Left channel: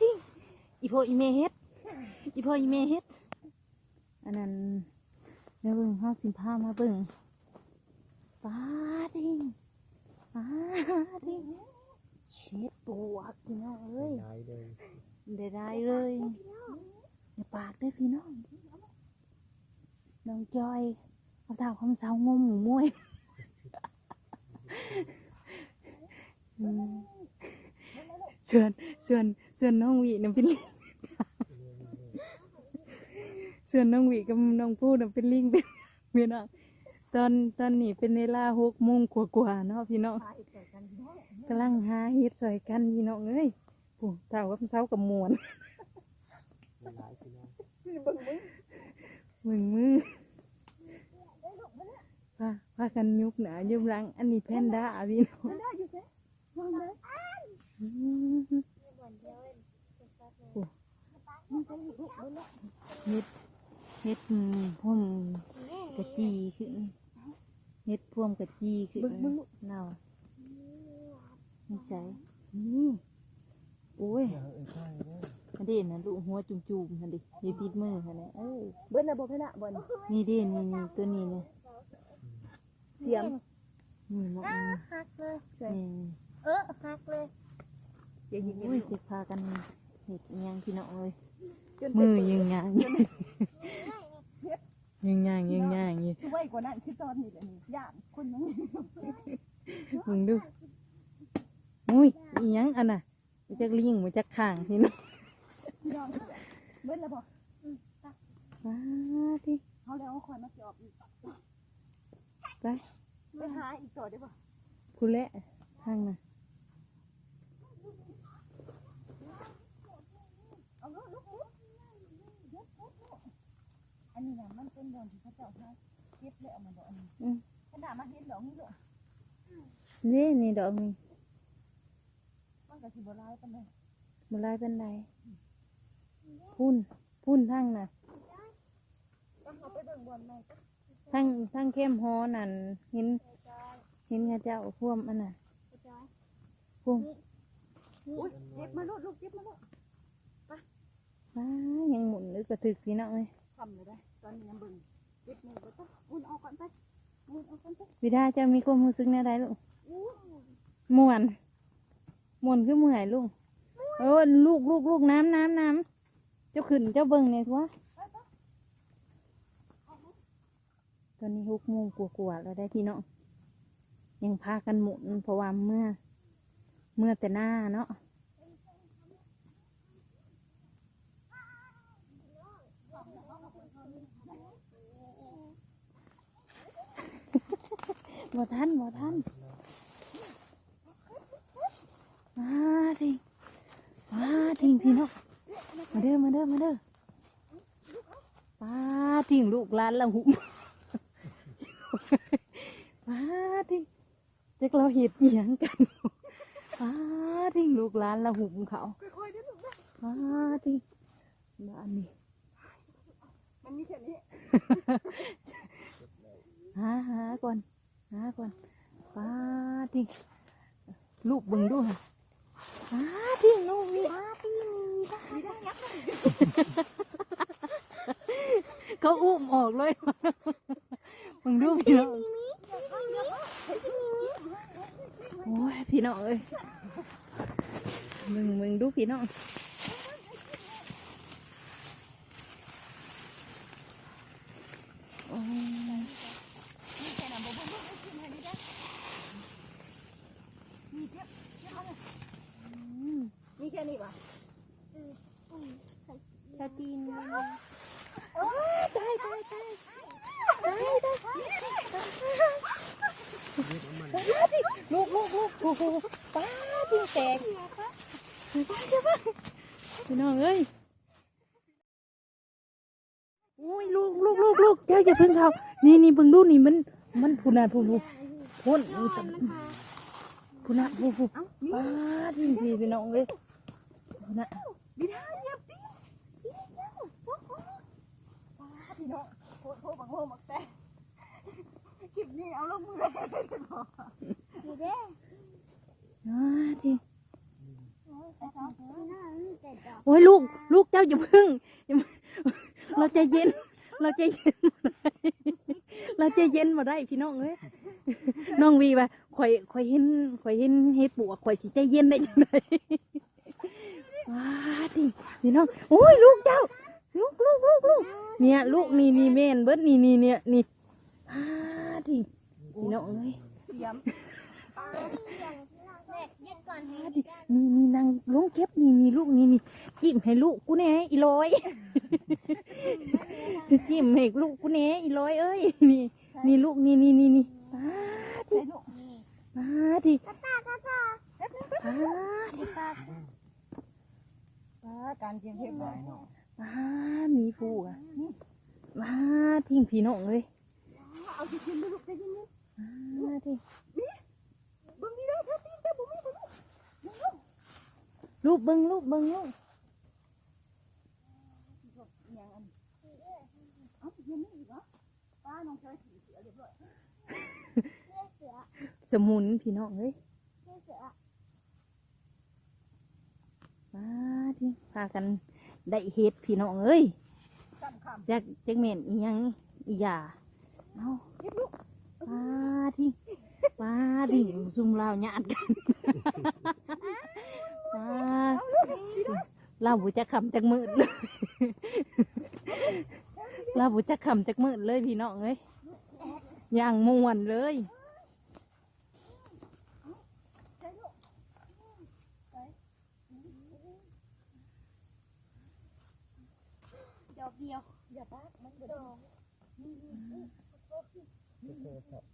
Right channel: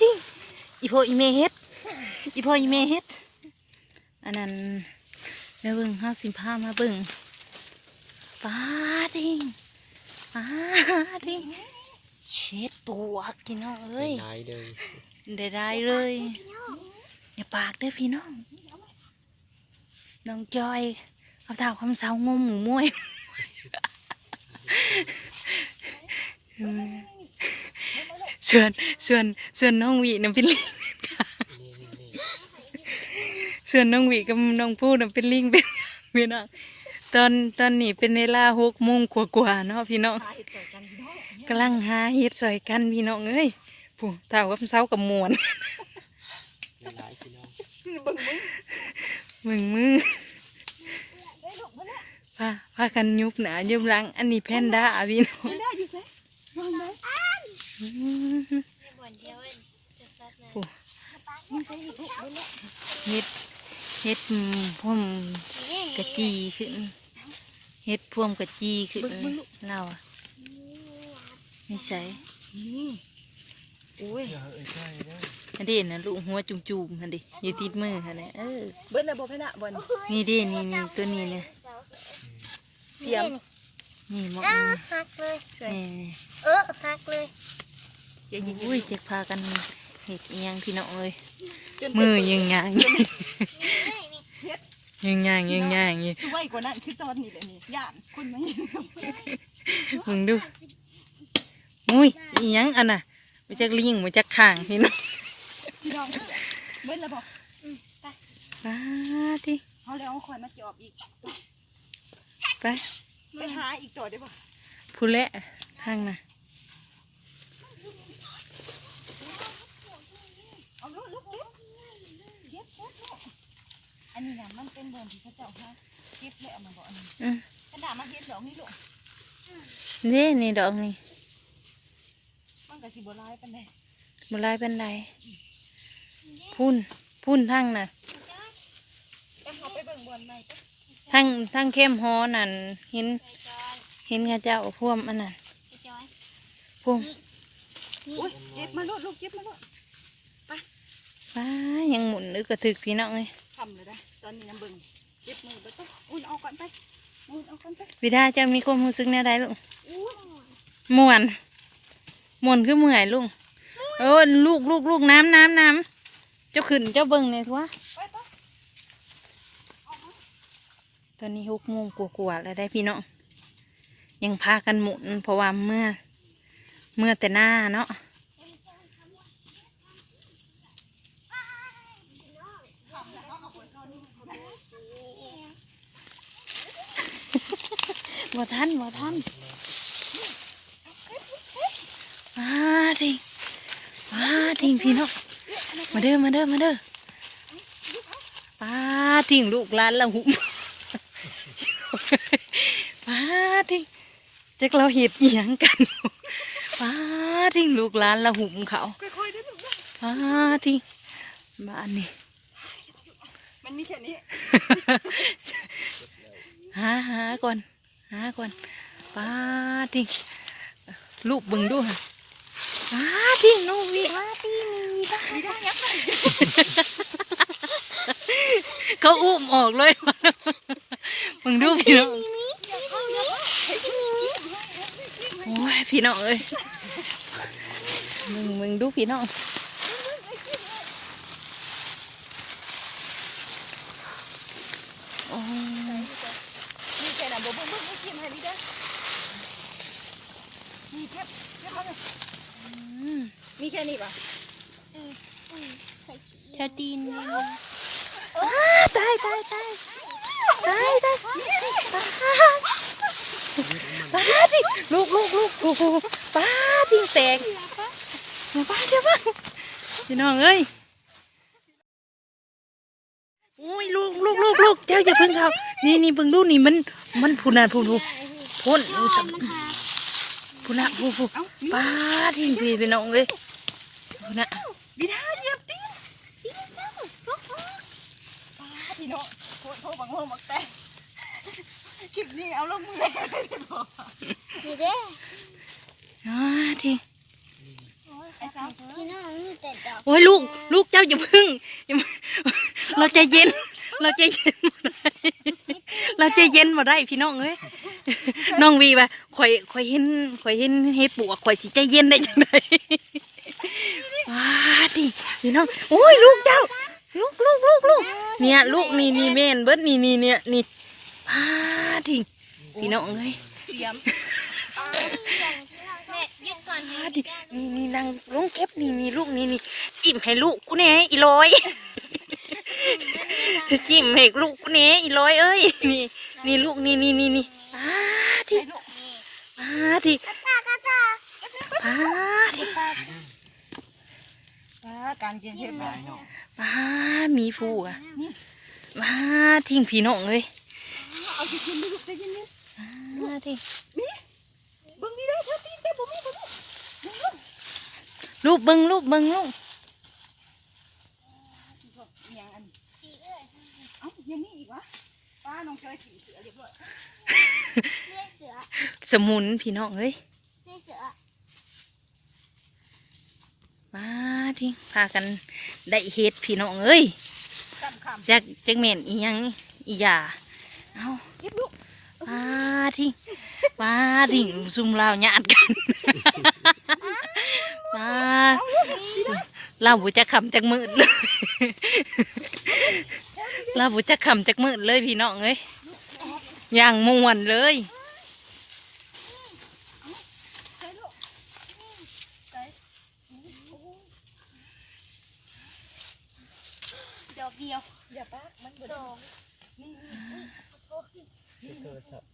จริงอีโพอีเมเฮ็ดอีโพอีเมเฮ็ดอันนั้นแม่เบิ่งห้าสิบห้ามาเบิ่งป้าจริงป้าจริงเช็ดตัวกินน้องเอ้ยหลายเลยได้ได้เลยอย่าปากเด้อพี่น้องน้องจอยเอาเท้าคำเสางมหมูมวยอืม ชวนชวนชวนน้องหวีน้ำเป็นลิงนี่นี่นี่ชวนน้องหวีกับน้องพูดน้ำเป็นลิงเป็นพี่น้องตอนตอนนี้เป็นเวลาหกโมงกว่าๆเนาะพี่น้องกำลังหาเฮ็ดซอยกันพี่น้องเอ้ยผู้เท้าคำเสากับมวนหลายพี่น้องมึงมือพาพากันยุบหนายุบหลังอันนี้แพนด้าพี่น้องไม่ได้อยู่ เซ่มองได้อืมบ่อนเดียวจะซัดนะมึงใส่หิบุกเลยเฮ็ดเฮ็ดพ่วมกระจีขึ้นเฮ็ดพ่วมกระจีขึ้นเราอะไม่ใช่นี่โอ้ยเออใช่เด้ออันนะลูกหัวจุ่มๆอันนี้อยู่ติดมือค่ะเนี่ยเออเบิ้ลระบบให้นะบอลนี่เด้นี่นี่ตัวนี้เนี่ยเสียมนี่มองนี่เออหักเลย อย่ายิงอุ้ยจะพากันเห็ดอิหยังพี่น้องเอ้ยจนมือยังยางนี่นี่ยังยางยังยางอยู่สวยกว่านั้นคือตอนนี้แหละนี่ย่านคุณไหมมึงดูอุ้ยอีหยังอันน่ะมาจากลิงมาจากข้างพี่น้องพี่น้องเบิ้ลระบบป้าดิเขาแล้วเอาคอยมาจอบอีกไปไปหาอีกตัวได้ป่ะผู้เละทางน่ะ เอาลูกลูกเก็บเก็บเก็บลูก อันนี้นะมันเป็นเบอร์ที่เขาเจ้าฮะเก็บเลยเอามาบอกอันนี้อืมกระดาษมาเฮ็ดดอกนี่ลูกนี่นี่ดอกนี่มันก็สิบ่ลายปานใดบุลายเป็นไรพุ่นพุ่นทางน่ะไปหาไปเบิ่งบอลใหม่ปะทางทางเข้มฮอนั่นเห็นไปจอยเห็นข้าเจ้าพ่วมอันนั้นไปจอยพ่วมอุ้ยเก็บมาลูกลูกเก็บมาลูกป้ายังหมุนนึกกระถึกพี่น้องเลย ทำเลยได้ตอนนี้น้ำเบิ่งเก็บมือไปต้องอุ่นเอาก่อนไปอุ่นเอาก่อนไปวิดาจะมีความรู้สึกแนวใดลูกอู้ม่วนม่วนคือเมื่อยลุงเออลูกลูกลูกน้ำน้ำน้ำเจ้าขึ้นเจ้าเบิ่งเลยทัวไปไปตอนนี้หกโมงกว่าๆแล้วได้พี่น้องยังพากันหมุนเพราะว่าเมื่อ เมื่อแต่หน้าเนาะ บ่ทันบ่ทันมาทิงมาทิงพี่น้องมาเด้อมาเด้อมาเด้อป้าทิงลูกหลานละหุ่มป้าทิงจักเราเห็ดเอียงกันป้าทิงลูกหลานละหุ่มเขาค่อยๆได้ลูกนะป้าทิงบ้านนี่มันมีแค่นี้หาหาก่อนหาก่อนป้าทิงลูกเบิ่งดูค่ะป้าทิงน้องวิมาตีมีบ้ามีได้ยักษ์เขาอุ้มออกเลยมึงดูพี่น้องมีมีเดี๋ยวเอาเดี๋ยวเอามีมีโอ้ยพี่น้องเอ้ยมึงมึงดูพี่น้องโอ้ย มีแค่นั้นบ่บ่บ่กินให้ดีเด้อมีแค่แค่เท่านั้น อื มมีแค่นี้ป่ะชาตีนเลยตายตายตายตายตายป้าดิลูกลูกลูกลูกลูกป้าดิแตกป้าเดี๋ยวป้าพี่น้องเอ้ยโอ้ยลูกลูกลูกลูกเจ้าอย่าเพิ่งเขานี่นี่เบิ่งดูนี่มันมันพูน่ะพูพูพ่นสับพูน่ะพูพูเอ้ามีป้าทิ้งพี่พี่น้องเอ้ย พูน่ะบิดาเหยียบตีนป้าพี่น้องโทษโทษบังโง่บักแต่คลิปนี้เอาลงมือเลยได้บ่ดีเด้อน้าทีโอ้ยลูกลูกเจ้าอย่าพึ่งเราใจเย็น เราใจเย็นเราใจเย็นมาได้พี่น้องเอ้ยน้องวีว่าข่อยข่อยเห็นข่อยเห็นเฮ็ดปวกข่อยสิใจเย็นได้จังได ว้าดิพี่น้องโอ้ยลูกเจ้า ลูกลูกลูกลูกเนี่ยลูกนี่นี่แม่นเบิดนี่นี่เนี่ยนี่ว้าดิพี่น้องเอ้ยเสียมแม่ยึดก่อนให้ว้าดินี่นี่นางลงเก็บนี่นี่ลูกนี่นี่จิ้มให้ลูกกูแหน่อีลอยจิ้มให้ลูกกูแหน่อีลอยเอ้ยนี่นี่ลูกนี่นี่นี่นี่ว้าดิใช่ลูกว้าดิ ว้าดิป้าการเย็นเฮ็ดแบหบลายเนาะว้ามีฟูกอะว้าทิ้งพี่น้องเลยเอาสิกินลูกใจเย็นว้าทิ้งๆเบิ่งนี่เด้อเธอตีนแต่บ่มีบ่ลูกลูกเบิ้งลูกเบิ้งลูกยังอันเอ้ายังมีอีกวะป้าน้องเคยขี่เสือเรียบร้อยเลือดเสือสมุนพี่น้องเอ้ย เลือดเสือ ว้าทิ้งพากันได้เฮ็ดพี่น้องเอ้ยจำคำจากจักเมนอีหยังอีหยาเอาเก็บลูกว้าทิ้งว้าทิ้งซุ่มลาวหยาดกันว้าเราบุจะขำจากมืดเลยเราบุจะขำจากมืดเลยพี่น้องเอ้ยอย่างมวนเลย ใช่ลูกใช่ ดอกเดียว อย่าป้ามันเบิดสองนี่นี่ที่โทรศัพท์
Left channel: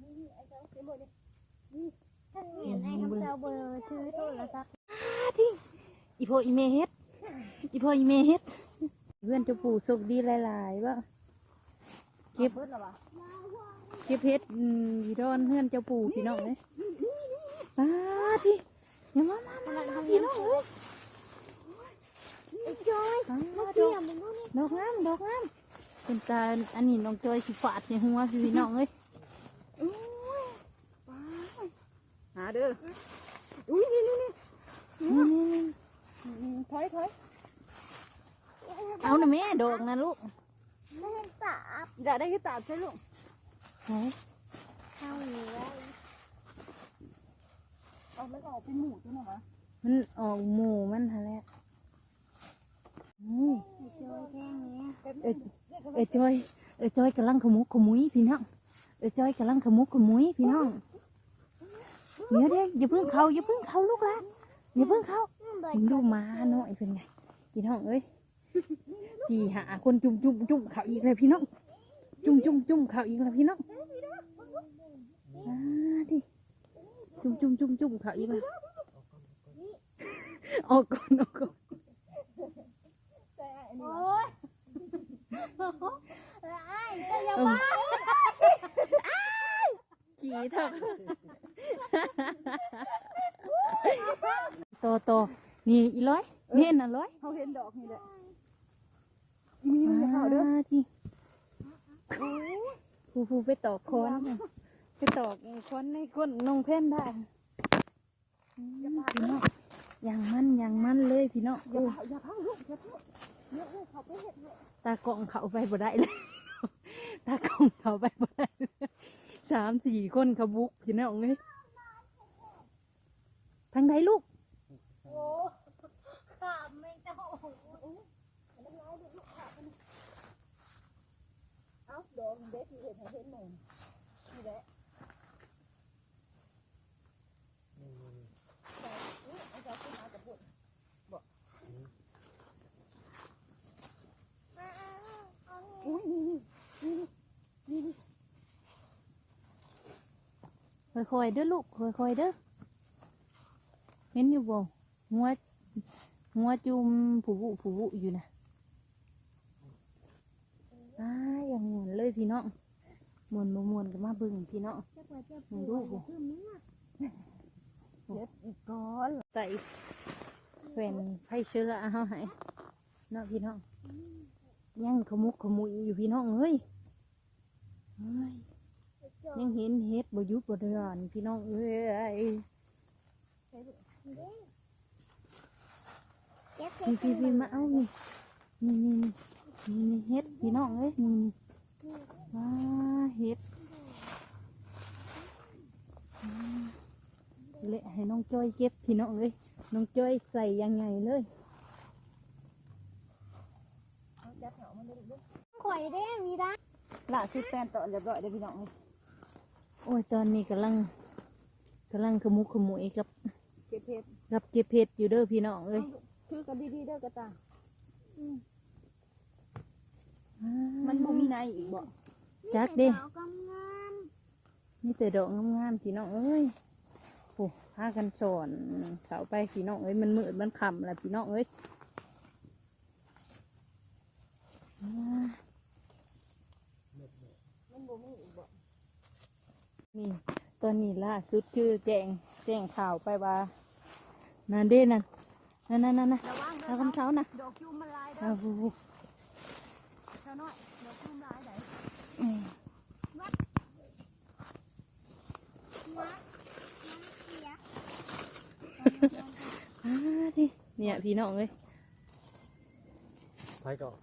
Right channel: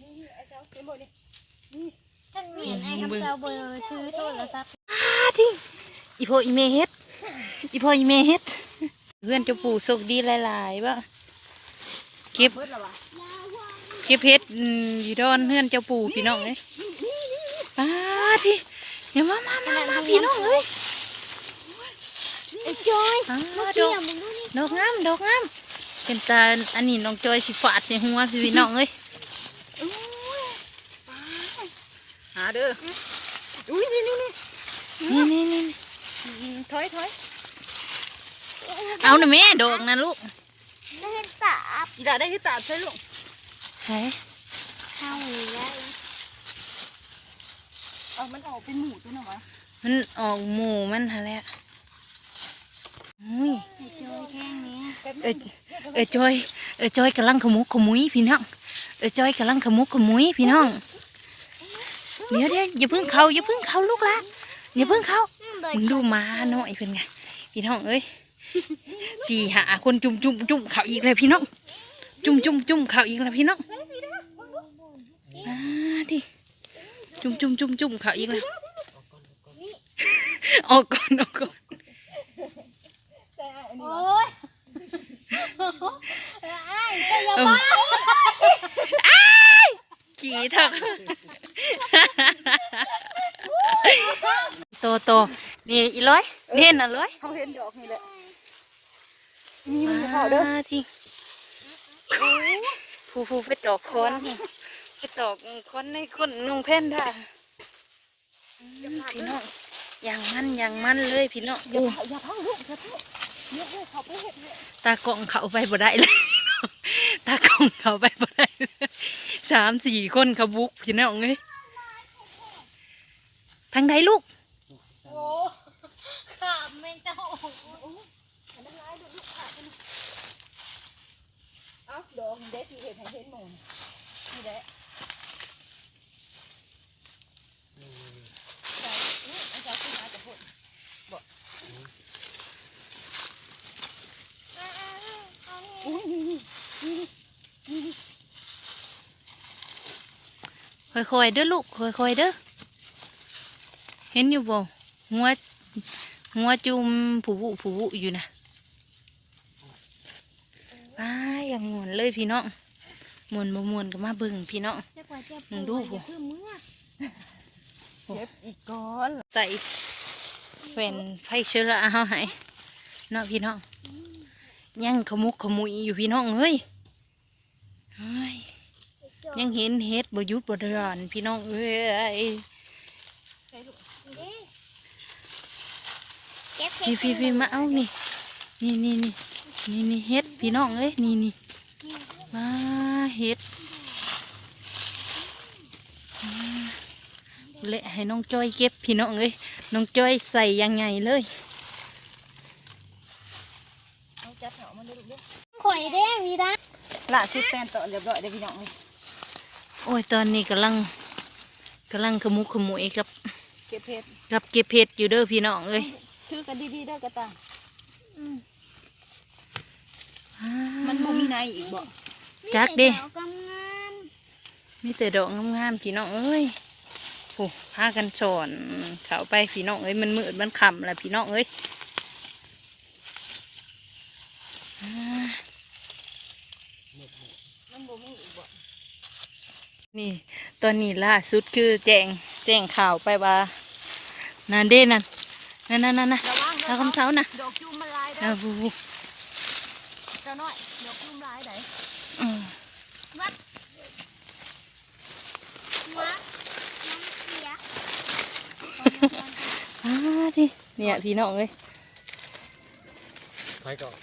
นี่นี่ไอ้เจ้าเห็นบ่นี่ท่านเมียนไอ้คำเจ้าเบอร์ถือโทรศัพท์ว้าทิ้งอีโพอีเมเฮ็ดอีโพอีเมเฮ็ดเพื่อนเจะปู่โชคดีหลายๆว่าเก็บเบิดแล้ววะเก็บเพชรอืมอยู่ดอนเพื่อนเจ้าปู่พี่น้องเลยป้าที่เดี๋ยวมามามามาพี่น้องเอ้ยไอ้จอยอ้าลูกดเดีอยกวมึง ดูนี่ดอกงามดอกงามเป็นตาอันนี้น้องจอยสิฝาดในหัวสิพี่น้องเอ้ยหาเด้ออุ้ยนี่นี่นี่นี่นี่นี่อืมถอยถอยเอาหน่อยแม่ดอกนะลูกได้เห็นตาบอีดาได้ที่ตาดใช่ลูกไหนเข้าเลยเอามันออกเป็นหมูตัวหน่อยวะมันออกหมูมันฮะแหละ อุ้ยไอ้จอเออจอยเออจอยกำลังขมุกขมุยพี่น้องเออจอยกำลังขมุกขมุยพี่น้องเดี๋ยวเดี๋ยวอย่าเพิ่งเขาอย่าเพิ่งเขาลูกละอย่าเพิ่งเขามึงดูมาหน่อยเป็นไงพี่น้องเอ้ยสี่หาคนจุ่มจุ่มจุ่มเขาอีกเลยพี่น้อง จุ่มจุ่มจุ่มเขาอีกแล้วพี่น้องอาดิจุ่มจุ่มจุ่มจุ่มเขาอีกแล้วออกก่อนออกก่อน อันนี้โอ้วะยไอ้ก็อย่าเอบ้าอขี่เถอะโตโตนี่อีร้อยเน่นน่ะร้อยเขาเห็นดอกนี่แหละอีมีมันจะเข้าเด้อมาที่ผู้ผู้ไปตอกค้อนไปตอกค้อนในก้นนุ่งแผ่นได้อืมพี่น้องอย่างมันอย่างมันเลยพี่น้องอย่าโอ้เผาอย่าเผาลูกอย่าเผา เนี่ยเนี่ยเขาไปเห็ดเนี่ยตากล่องเขาไปบ่ได้เลย ตากล่องเขาไปบ่ได้เลยสามสี่คนเขาบุกพี่น้องเอ้ยทางใดลูกโอ้ขาไม่เจ้าอันนั้นร้ายลูกลูกขาดไปนะเอ้าดอกเด็ดที่เห็ดให้เห็นหมูนี่แหละนี่นี่นี่ใส่นี่ไอ้เจ้าขึ้นมาจะพูด อุ้ยนี่นี่นี่นี่นี่ ค่อยๆเด้อลูกค่อยๆเด้อเห็นอยู่บ่หัวหัวจุ่มผูบุผูบุอยู่นะอ้ายอย่างมวนเลยพี่น้องมวนบ่มวนก็มาเบิ่งพี่น้องมึงดูอย่าเพิ่มเมื่อเก็บอีกก้อนใส่เป็นไฟเชื้อราเฮาให้เนาะพี่น้อง ยังขมุกขมุยอยู่พี่น้องเอ้ยเฮ้ยยังเห็นเฮ็ดบ่หยุดบ่เดือนพี่น้องเอ้ยใส่ลูกเด้เก็บพี่พี่พี่มาเอานี่นี่นี่นี่นี่นี่เฮ็ดพี่น้องเอ้ยนี่นี่มาเฮ็ดอ่าเละให้น้องจ้อยเก็บพี่น้องเอ้ยน้องจ้อยใส่ยังไงเลย เอาจับเหามันได้ลูกเด้ อข่อยเด้มีด้าละสิแฟนต่อเรียบร้อยเด้อพี่น้องโอ้ยตอนนี้กำลังกำลังขมุกขมุยกับเก็บเพชรกับเก็บเห็ดอยู่เด้อพี่น้องเอ้ยถือกันดีๆเด้อกระตาอ่ามันบ่มีในอีกบ่จักเด้มีแต่ดอกงามมีแต่ดอกงามๆพี่น้องเอ้ยโอ้พากันสอนเขาไปพี่น้องเอ้ยมันมืดมันค่ำแล้วพี่น้องเอ้ยอ่า มันบ่มีอีกบ่ นี่ตอนนี้ล่าสุดคือแจ้งแจ้งข่าวไปว่านั่นเด้นั่นนั่นนั่นนั่นนะระวังแล้วคำเสานะดอกจุ่มมันลายนะเด้อบูบูเจ้าน้อยดอกจุ่มลายได้อืมๆวัดหัวน้ำเสียอ่าดิเนี่ยพี่น้องเอ้ยไปก่อน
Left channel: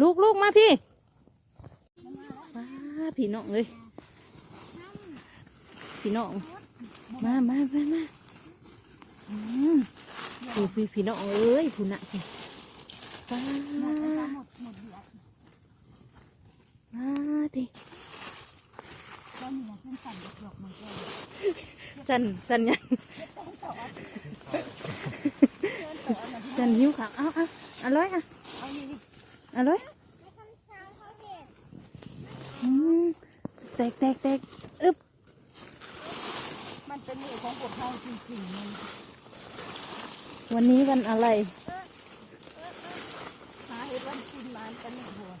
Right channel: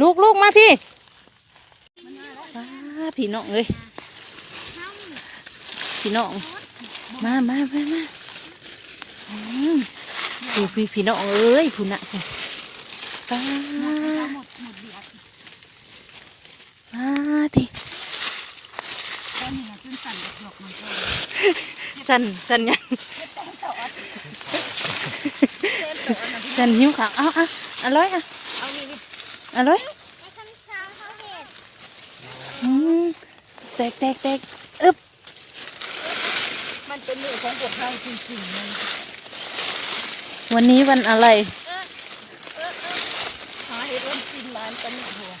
ลูกลูกมาพี่อ่าพี่น้องเอ้ยน้ พี่น้อง มามามามาอืมพี่พี่พี่น้องเอ้ยคุณน่ะคุณป้าหมดแล้วหมดหมดเบียดป้าทีตอนนี้นะจนสั่นดอกๆมันก็สั่นสั่นยังเต้นต่อเต้นต่ออันนั้นพี่น้สั่องนหิวขาวเอาเอาอร่อยอะเอานี่นี่อร่อยำในคำช้างเขาเห็นอืมแตกแตกแตกอึบ มันเป็นมือ ของพวกเราจริงๆเลยวันนี้วันอะไร หาเห็ดวันสิ้นล้านกันเนี่ยหัว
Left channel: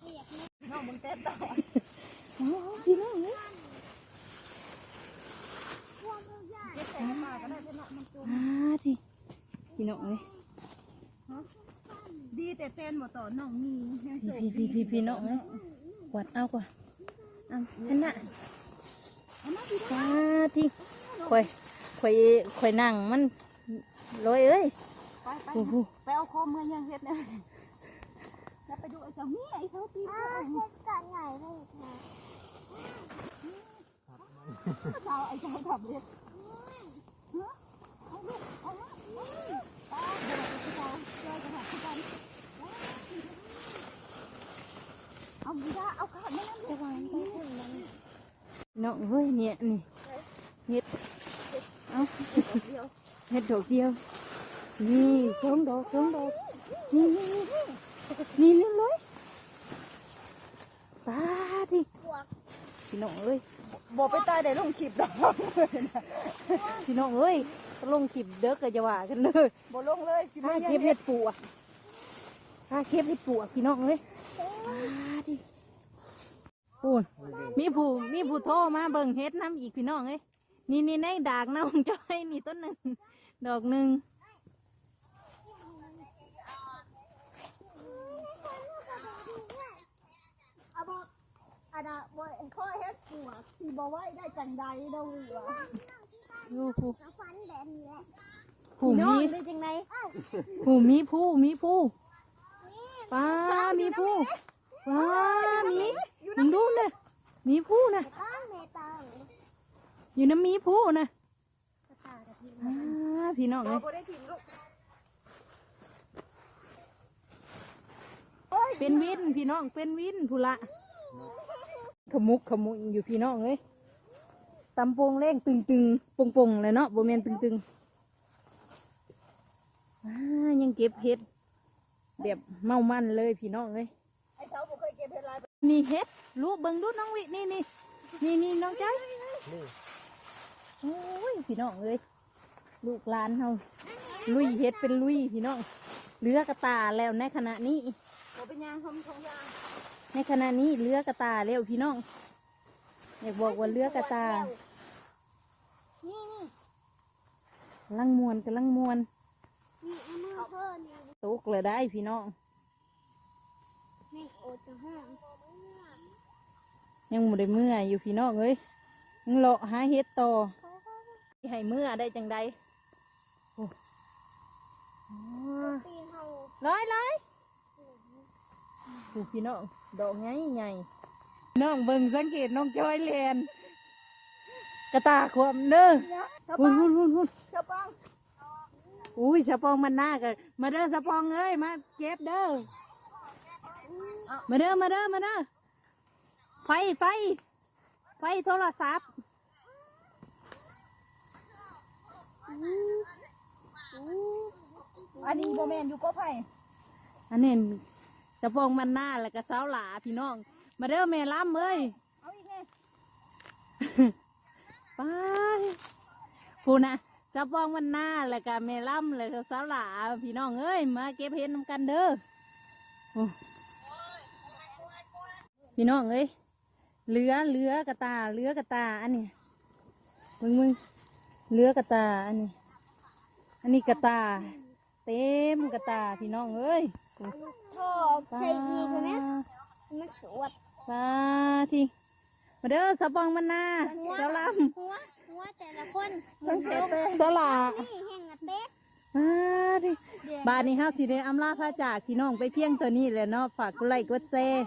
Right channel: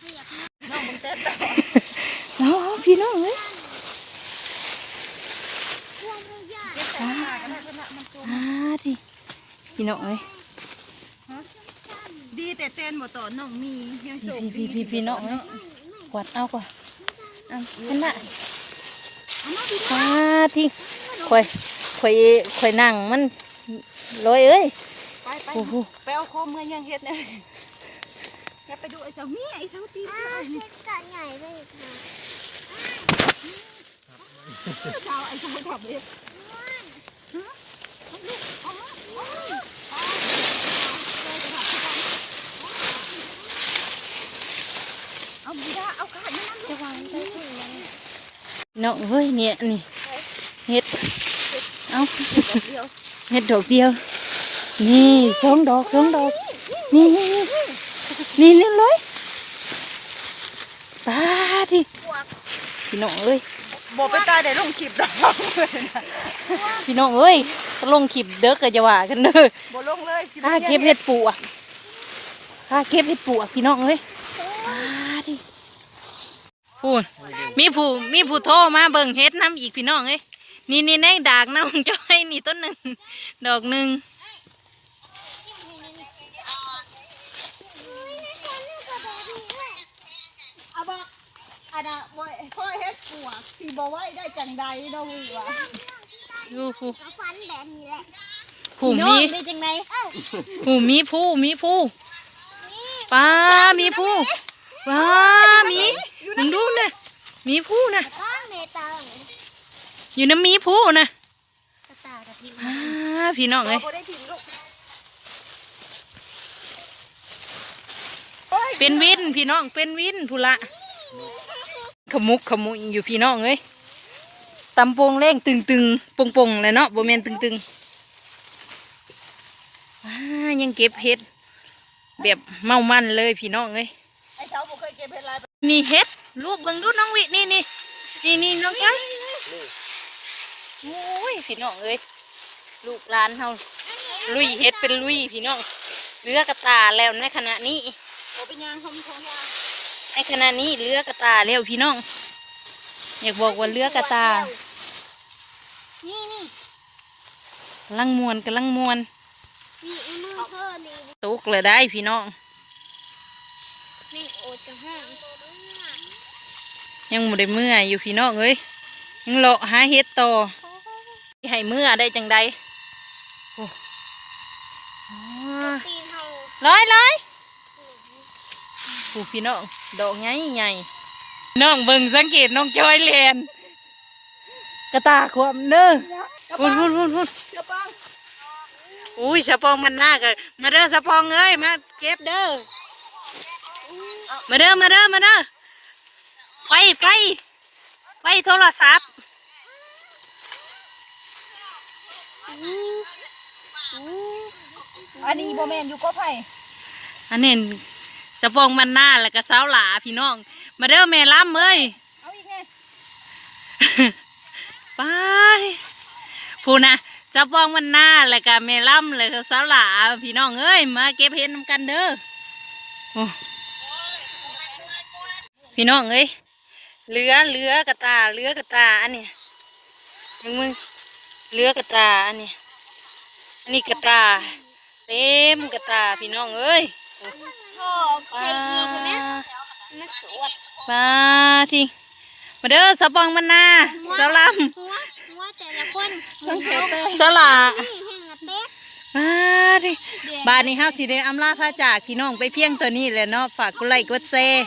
ขยับมือพี่น้องมึงเต้นต่อเอาเอาพี่น้องเอ้ยพวงพวงยาเก็บแต่หน้ากันได้ชนะมันตัวอ่าดิพี่น้องเอ้ยดีแต่เต้นบ่ต่อน้องมียังโชคพี่ดีพี่พี่พี่น้องเอ้ยกวาดเอาก่อนเอันน่ะเอามาพี่ป้าที่ข่อยข่อยข่อยนั่งมันลอยเอ้ยไปไปโอ้โหไปเอาคอเมื่อยังเฮ็ดเนี่ยอย่าไปดูไอ้เสานี่ไอ้เสาตีนอ้าวเพชรกะใหญ่ไปอีกค่ะเสาไอ้เสาขับเฮ็ดเอาลูกเอามาเอามาเอาเดี๋ยวเสาเจอจะขับที่กัน เอาบีดาเอาขาดนี่นั่นจะวางไปถึงมันน้องเฮ้ยเนี่ยนี่เฮ็ดเอาเดียวเฮ็ดดอกเดียว นี่สองดอกสองดอกนี่นี่นี่นี่เรียบร้อยป้าดิพี่น้องเอ้ยบอกไปตาได้ลงคลิปดอกพี่น้องเอ้ยลงขีบเด้อก็จะว่ากันเด้อบ่ลงเลยข้าเก็บเห็ดปูอะข้าเก็บเห็ดปูอะพี่น้องเอ้ย พูดมีผู้มีผู้โทรมาเบิ่งเฮ็ดน้ำอีกพี่น้องเอ้ยนี่นี่ในดากน้องจ้อยนี่ต้นหนึ่งดอกหนึ่งเอาบอกอันน่ะบ่ค่อยเฮ็ดปวกสิบ่ไหวได้จังใดเนาะมึงวะดูผู้เอาฟันแบบนี้แหละผู้มีได้จังไดเอ้าผู้มีผู้มีผู้ป้ามีผู้ป้ามี มึงดูนะมีผู้นะอ้าวเนตาอยู่น้ำมีผู้นะกระตากระทิงป้าพี่น้องเอ้ยบ่ได้ถิ่มลูกเป็นวินพี่น้องเป็นวินผู้ละขมุกขมุยอยู่พี่น้องเอ้ยตำโปงแรงตึงตึงปงปงๆเลยเนาะโบแมนตึงตึงป้ายังเก็บเห็ดแบบเมามันเลยพี่น้องเอ้ยไอ้เสาบ่เคยเก็บเฮ็ดลาย นี่เห็ดลูกเบิ่งดูน้องวินี่นี่นี่นี่น้องไก่โอ้ยพี่น้องเอ้ยลูกหลานเฮาลุยเห็ดเป็นลุยพี่น้องเรือกระตาแล้วในขณะนี้ในขณะนี้เรือกระตาแล้วพี่น้อง อยากบอกว่าเรือกระตานี่นี่ลังมวนกำลังมวนนี่เอามือเพิ่นนี่ตกเลยได้พี่น้องนี่โอจะห้าง ยังบ่ได้เมื่อยอยู่พี่น้องเอ้ยยังเลาะหาเห็ดต่อให้เมื่อได้จังใดโอ้อ๋อตีนเฮาร้อยร้อยผู้พี่น้องดอกใหญ่ใหญ่น้องเบิ่งสังเกตน้องจอยเลียนกระตาความเด้อพุ่นพุ่นพุ่นพุ่นเจ้าปังอุ้ยสะปองมันหน้ากันมาเด้อสะปองเอ้ยมาเก็บเด้อมาเด้อมาเด้อมาเด้อ ไฟไฟไฟโทรศัพท์อันนี้บ่แม่นอยู่ก็ไผ่อันนี้สะปองมันหน้าแล้วก็สาวหลาพี่น้อง มาเด้อแม่ล้ำเอ้ยเอาอีกแน่ไปพูนะสะปองมันหน้าแล้วก็แม่ล้ำแล้วก็สาวหลาพี่น้องเอ้ยมาเก็บเห็ดน้ำกันเด้อโอ้พี่น้องเอ้ย เหลือเหลือกระตาเหลือกระตาอันนี้ยังมึงเหลือกระตาอันนี้อันนี้กระตา เต็มกระตาพี่น้องเอ้ยพ่อใส่อีกเห็นไหมมันสวดปลาทิ้งมาเด้อสะปองมันนาสาวลหัวหัวแต่ละคนสังเกตเต้ำสลานี่แห้งอะเต๊กมาดิบาทนี้เฮาสิได้อำลาพระจากพี่น้องไปเพียงตัวนี้แหละเนาะฝากกดไลค์กดแชร์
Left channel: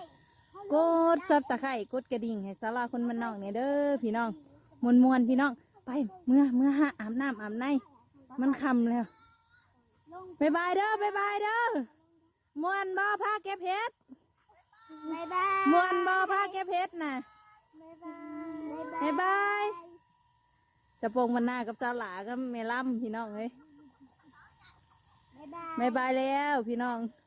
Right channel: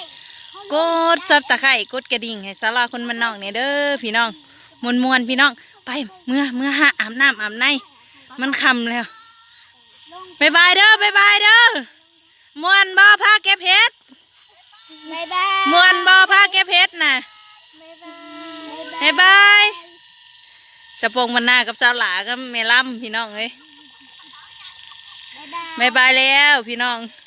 กดซับตะไคร่กดกระดิ่งให้สาราคนมันนอกเนี่ยเด้อพี่น้องมวนมวนๆพี่น้องไปเมื่อเมื่อหาอาบน้ำอาบในมันคำแล้วบายบายเด้อบายบายเด้อมวนบ่พาเก็บเห็ดบ๊ายบายมวนบ่พาเก็บเห็ดน่ะบ๊ายบายบายบายสะปงมันหน้ากับสาวหลาก็เมล่ำพี่น้องเอ้ยบ๊ายบายบายบายแล้วพี่น้องบ